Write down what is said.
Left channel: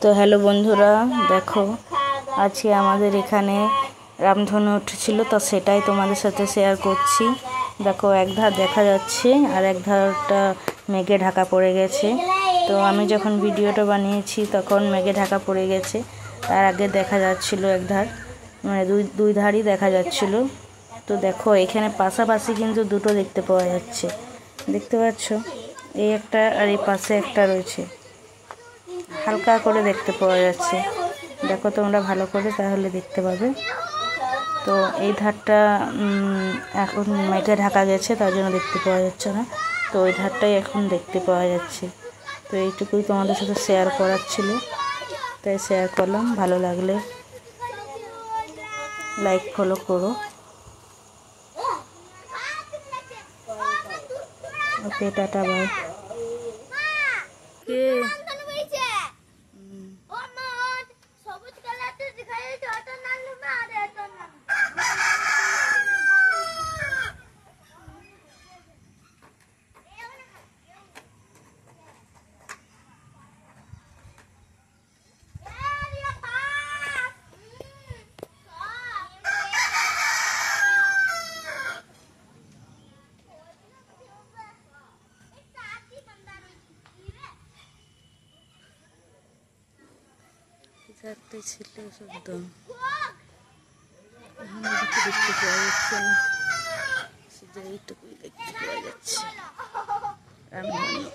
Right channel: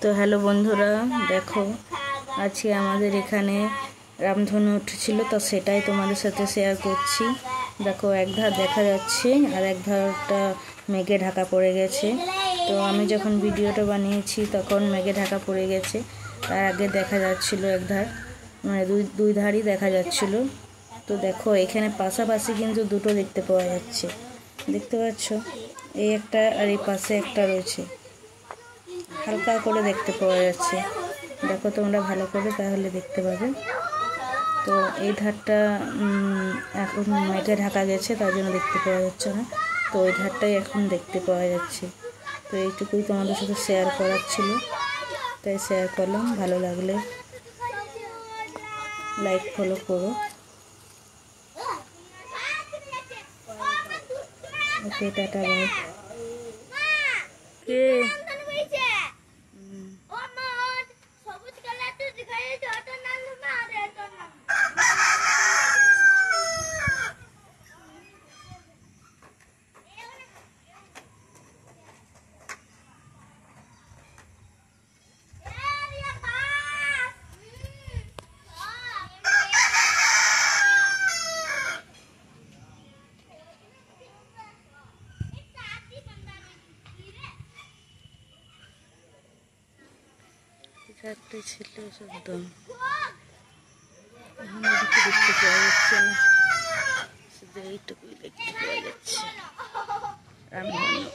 তো হ্যালো বন্ধুরা, দেখো আজকে আমাদের এখানে রামধনু উঠেছিল, তো সেটাই তোমাদের সাথে শেয়ার করছি। দেখো এক ধার দেখা যাচ্ছে আর এক ধারটা মেঘে ঢাকা পড়ে গেছে। তো আমি যখন ভিডিওটা বানিয়েছি তখন মেঘে ঢাকা পড়ে গেছে, তার আগে দেখা যাচ্ছিল এক ধার, মানে দুই ধারই দেখা যাচ্ছিল। তো দেখো এখানে পাশাপাশি কিন্তু দুটো দেখতে পাওয়া যাচ্ছে, দেখতে পাচ্ছ? এই একটা আর এই পাশে একটা রয়েছে, হালকা করে দেখতে পাওয়া যাচ্ছে। দেখো তোমরা ভালো করে, তাহলে দেখতে পাবে। তো এই ধারটা এখন মেঘে ঢাকা গেছে, তার জন্য দেখতে পাওয়া যাচ্ছে না। তো ওই ধারটাই এখন দেখতে পাওয়া যাচ্ছে। তো এইটুকুই তোমাদের সাথে শেয়ার করার ছিল, তাই শেয়ার করলাম। ভালো লাগলে লাইক ফলো করো। ওকে, টাটা, বাই। কে একটাই ছিল একদম, এখন এদিকে দেখতে পাওয়া যাচ্ছে না, শুধু এইটুকুই দেখতে পাওয়া যাচ্ছে রামধনু।